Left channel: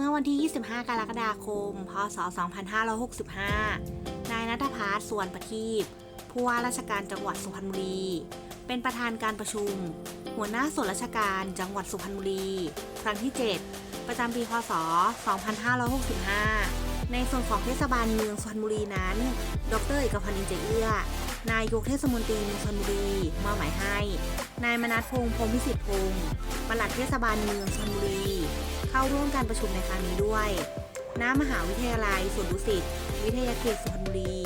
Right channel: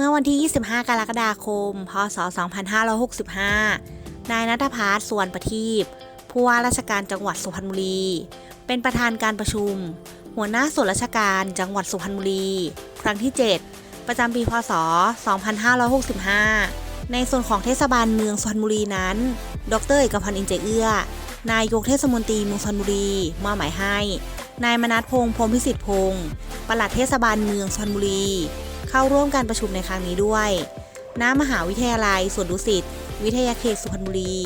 เมื่อวันที่ 25 กรกฎาคม พศ 2565 นายนัทพัฒน์สวนประทีปผู้ว่าราชการจังหวัดสุพรรณบุรี เป็นประธานการประชุม หัวหน้าส่วนราชการจังหวัดสุพรรณบุรี ครั้งที่ 7 ประจำปี พศ 2565 ในส่วนของเทศบาลเมืองสุพรรณบุรีนั้น ดรเอกพันธ์อินเจเอื้อ นายกเทศมนตรีเมืองสุพรรณบุรีมอบหมายให้ นายมนัทพงษ์พรมพิสิทธิ์พงศ์ปลัดเทศบาลเมืองสุพรรณบุรี เข้าร่วมการประชุมในครั้งนี้ด้วย ณ มหาวิทยาลัยสวนดุสิต วิทยาเขตสุพรรณบุรี